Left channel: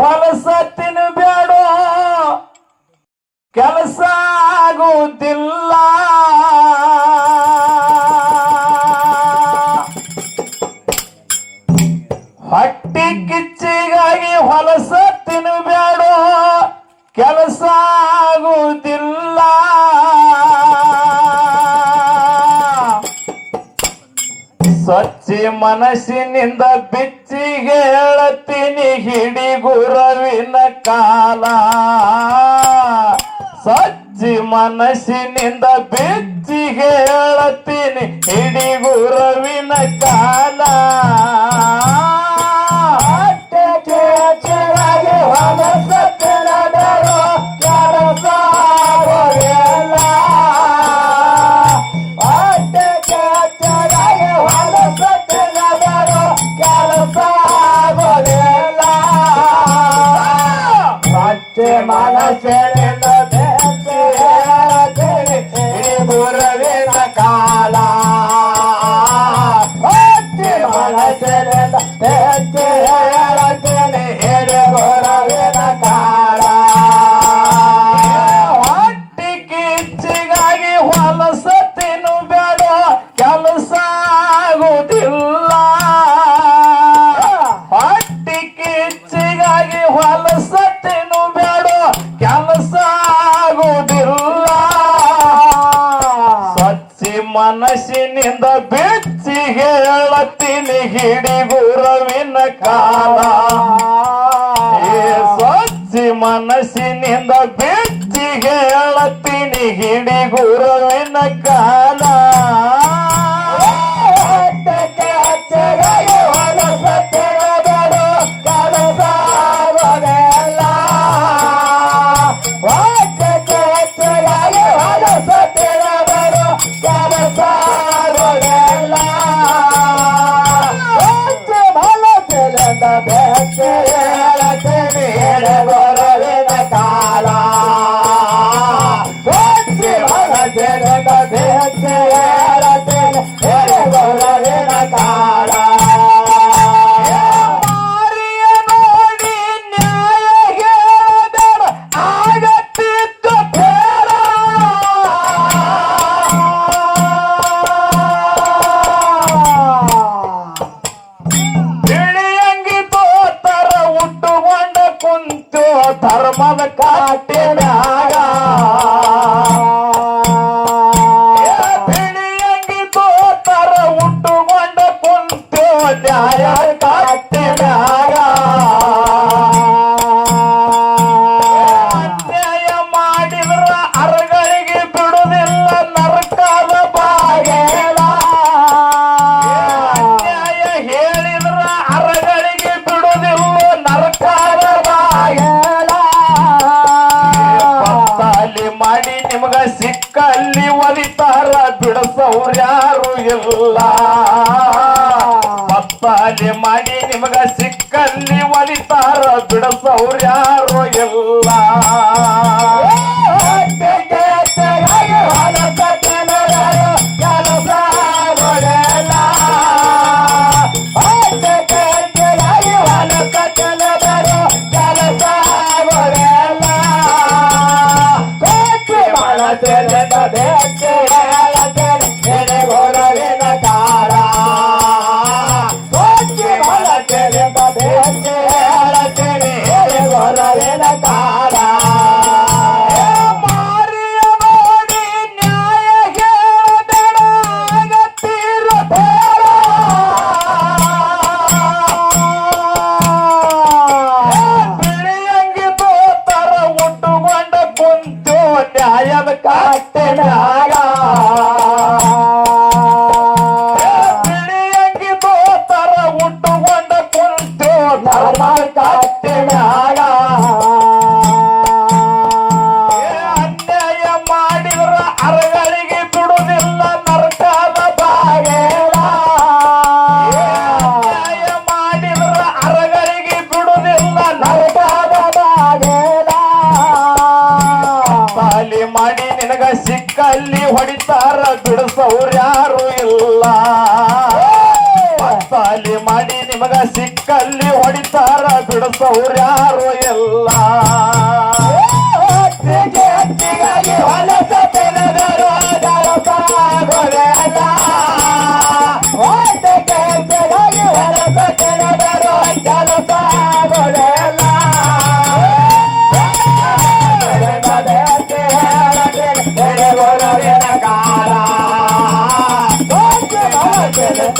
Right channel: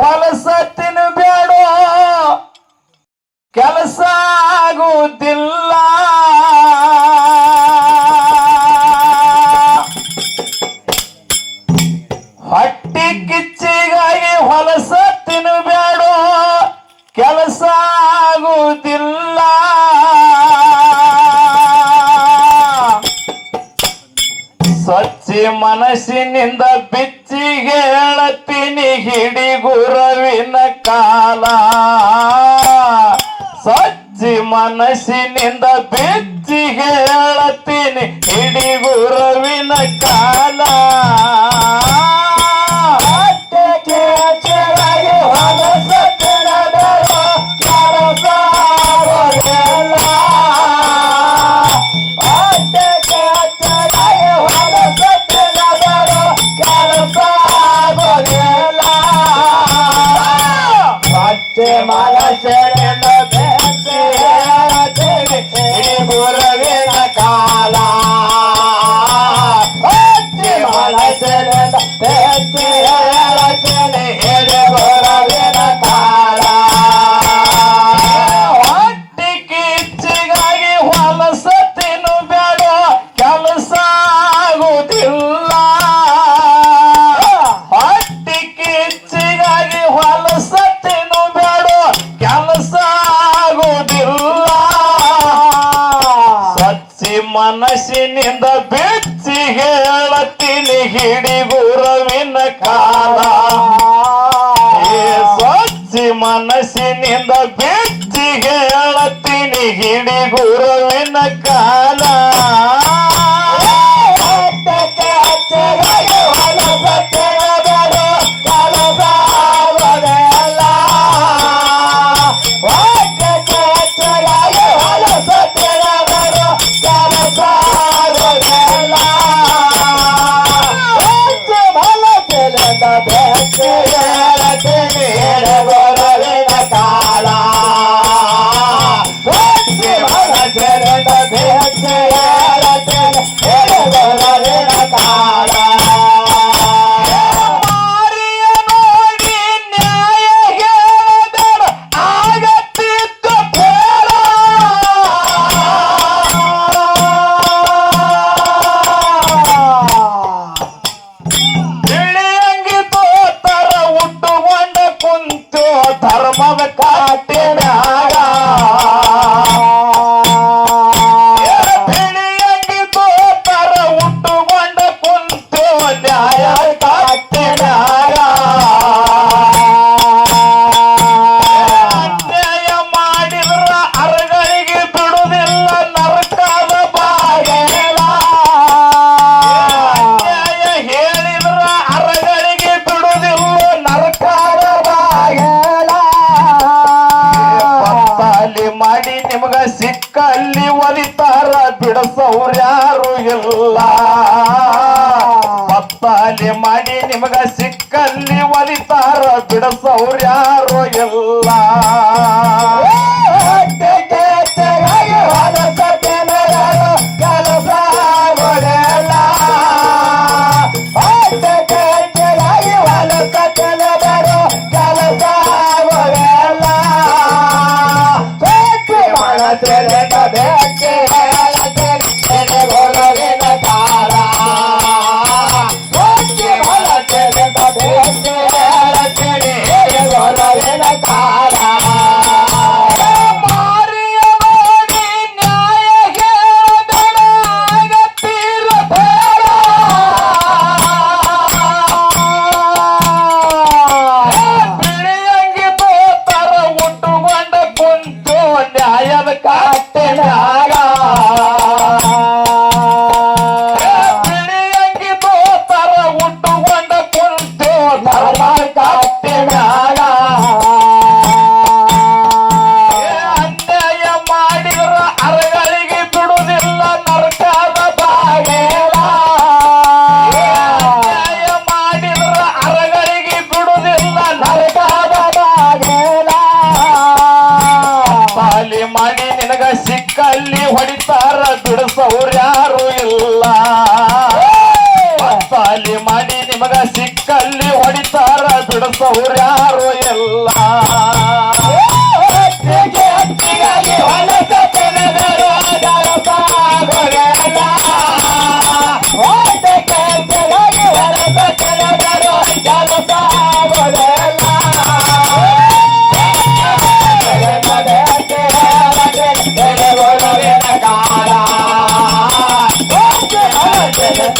ಹೊಲಸ ತಿನ್ಬೇಡ ಕೆಲಸ ಆಗುವುದಿಲ್ಲ. ಹೊಟ್ಟಿ ಕಿಚ್ಚಿಗಾಗಿ ಹೊಲಸ ತಿನ್ಬೇಡ ಕೆಲಸ ಆಗುವುದಿಲ್ಲ. ಸ್ವಚ್ಛ ಮನಸ್ಸಿನಿಂದ ಹೇಳತ್ತೀನಿ ಹಿಡಿ ಗುರವಿನ ಕಾಲ. ಸಜ್ಜಿ ಮನಸ್ಸಿನಿಂದ ಬಿಚ್ಚಿಗೆ ಹೇಳತ್ತೀನಿ ಹಿಡಿ ಗುರವಿನ ಕಾಲ. ಮನಸ್ಸಿನಿಂದ ಬೆಚ್ಚಿ ಹೇಳತ್ತೀನಿ ಹಿಡಿ ಗುರುವಿನ ಕಾಲ ಏ ಸ್ವಚ್ಛ ಮನಸ್ಸಿನಿಂದ ಬೆಚ್ಚಿ ಹೇಳತ್ತೀನಿ ಹಿಡಿ ಗುರುವಿನ பாவக்கார ಬಿಡಸವ್ರು ಯಾರು ಇಲ್ಲ. ಪಪ್ಪಾಲಿ ಮಾಡಿ ನಿಮಗ ಸಿಕ್ಕಲ್ಲಿ ಒಲಿತಾರ ಬಿಡಸವ್ರ್ಯಾರು ಇಲ್ಲ. காட்ட நாரா ಬಿಡಿಸೋರು ಯಾರು ಇಲ್ಲ. ಪಾಲಿ ಮಾಡಿ ನಿಮಗ ಸಿಕ್ಕಲ್ಲಿ ಹೊಡಿತಾರ ಬಿಡ ಯಾರು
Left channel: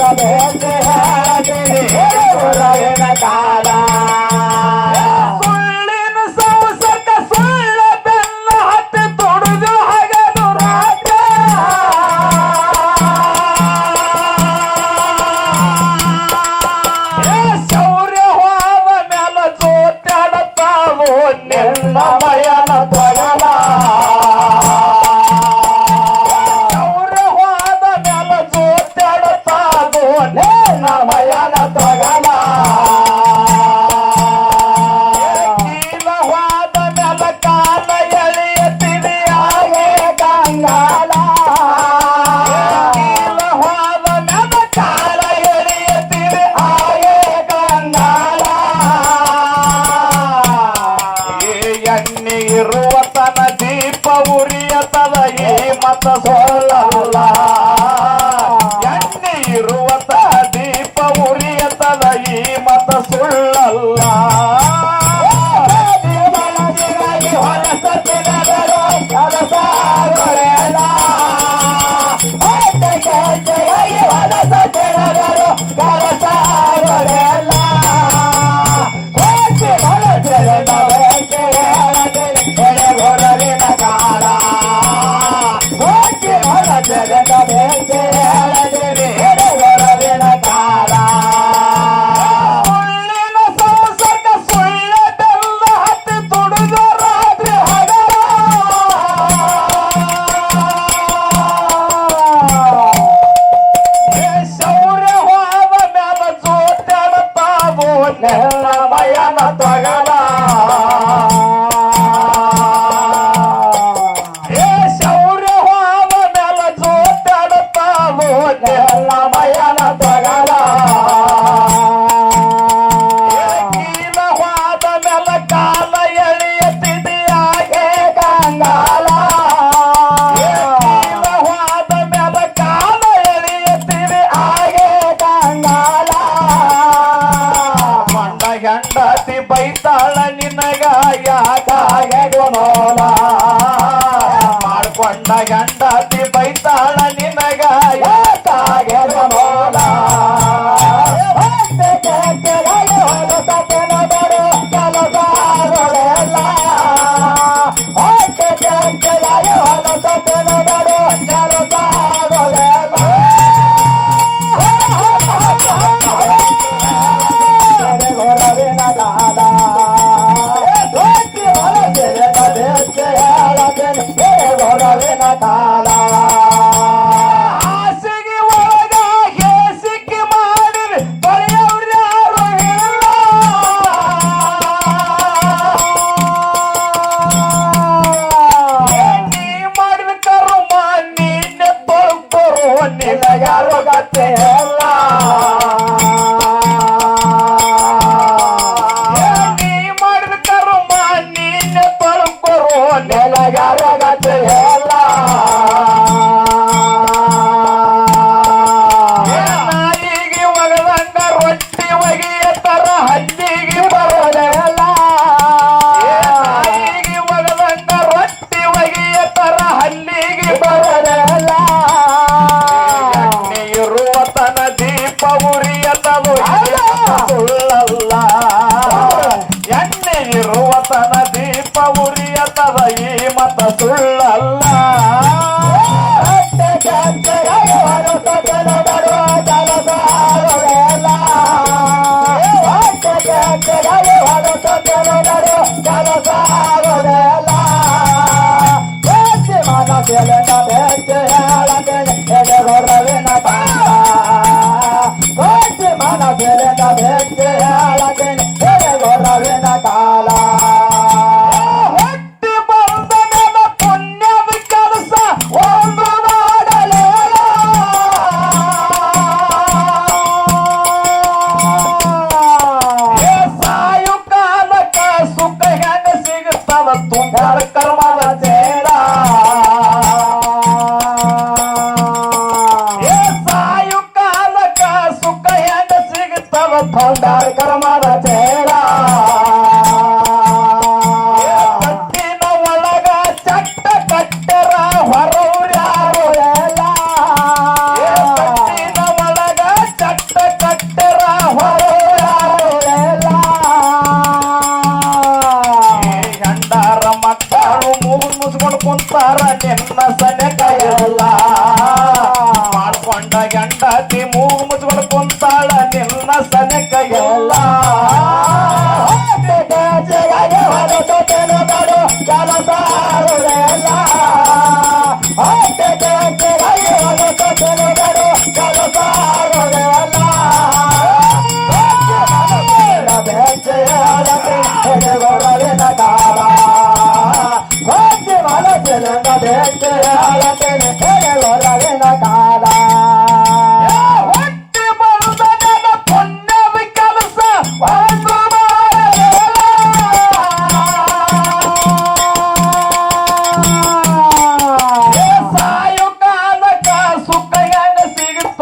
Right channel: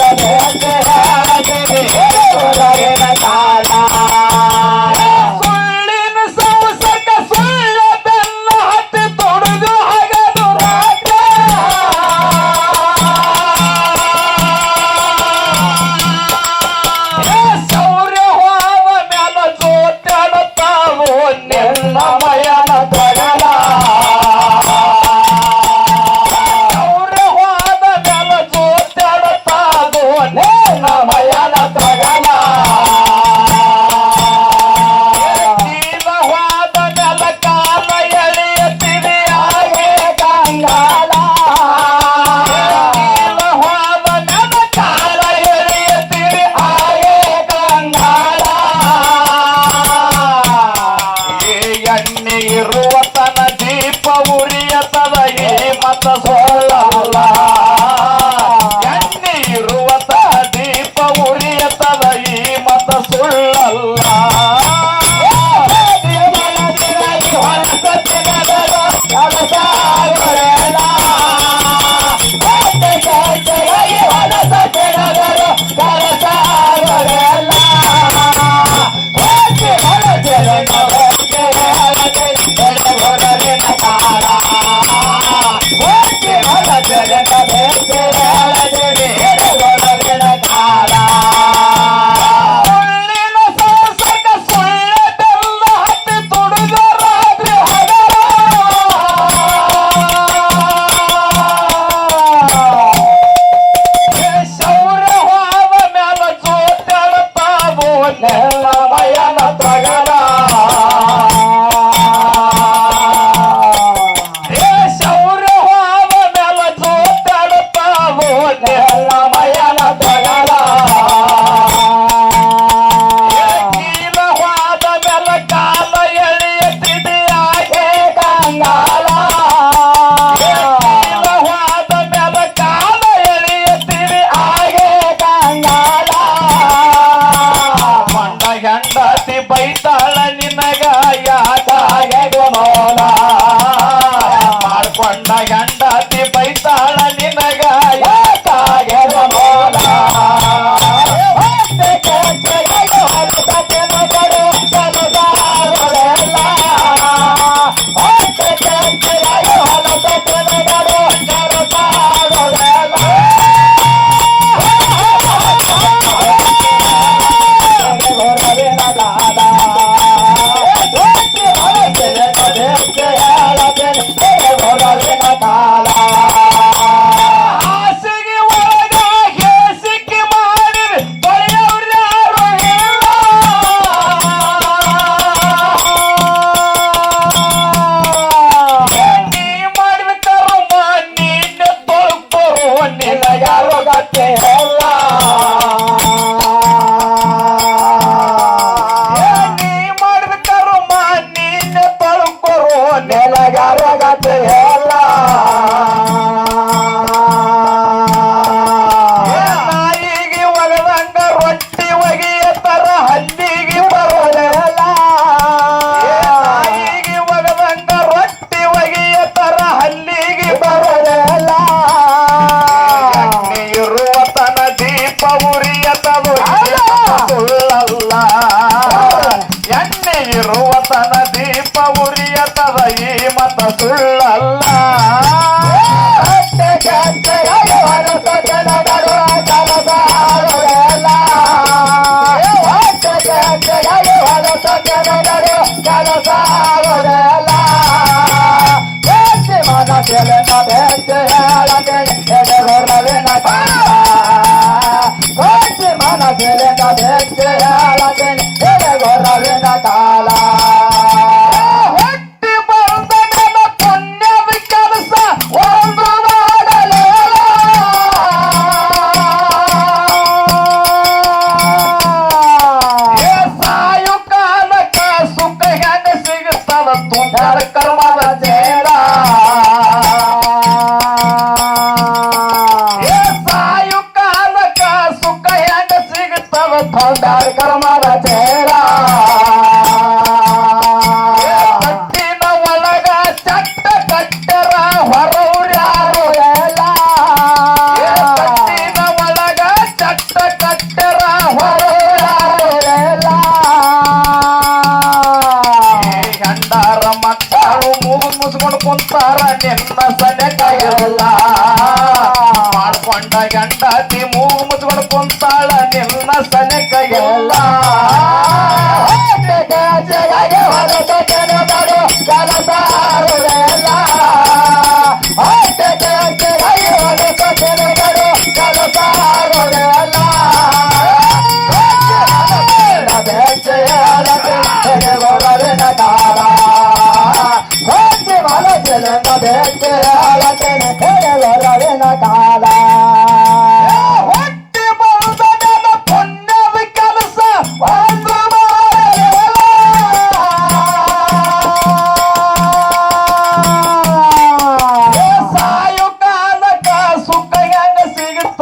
கரே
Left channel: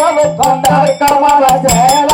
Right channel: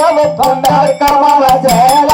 கமல கமல சேல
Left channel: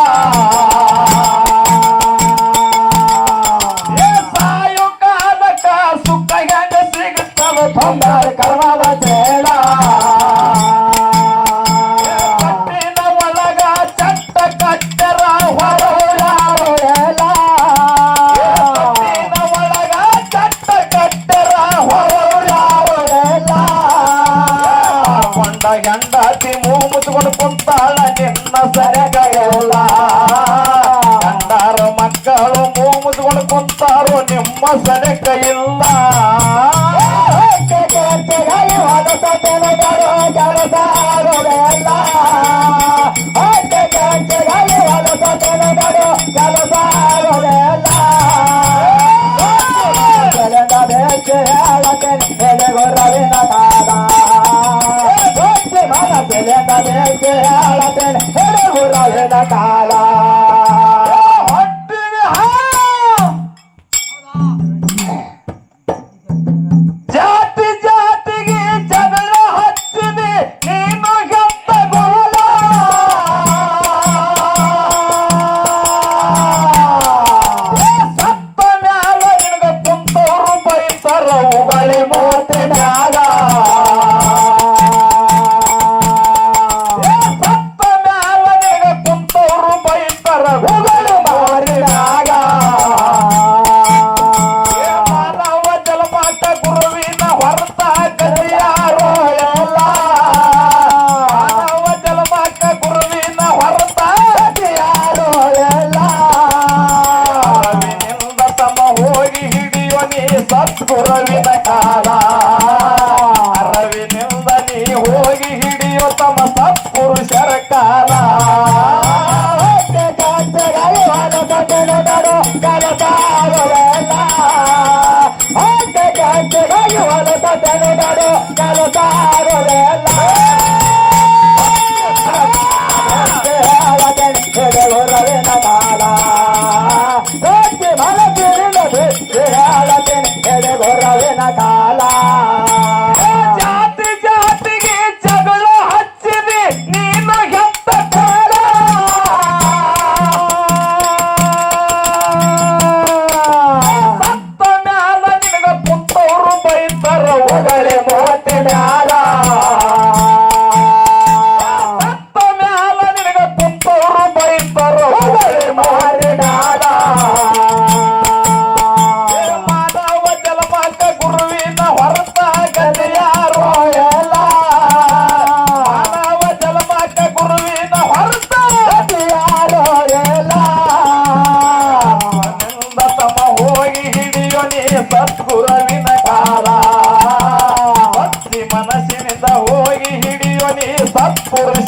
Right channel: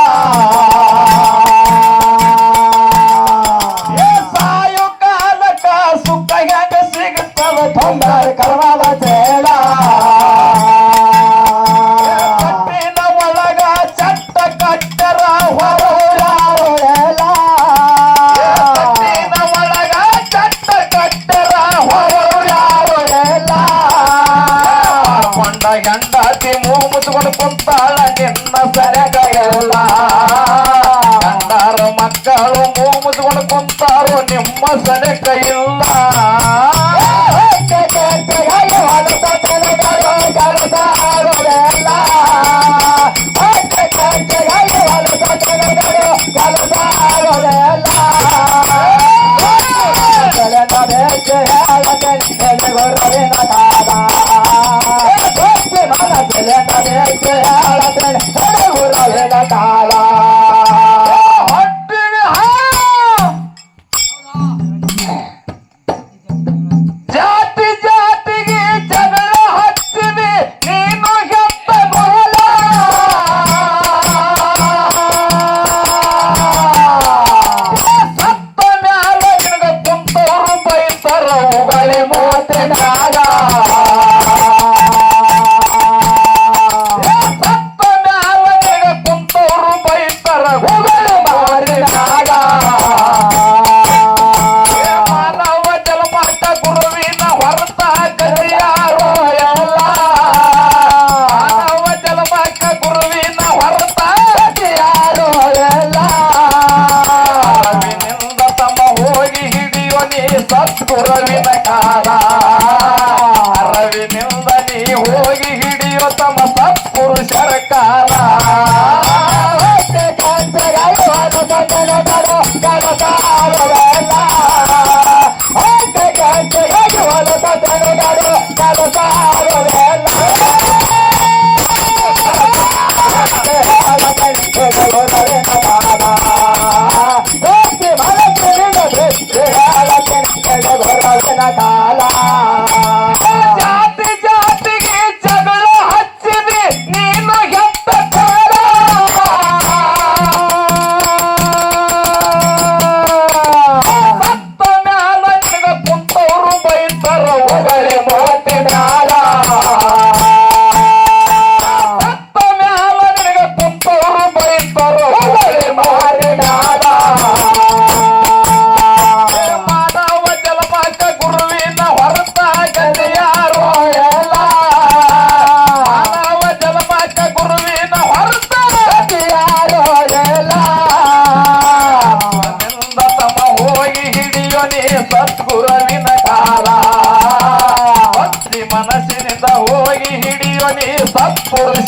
நம்ம சடக்கையும் da da da da. పూర్తి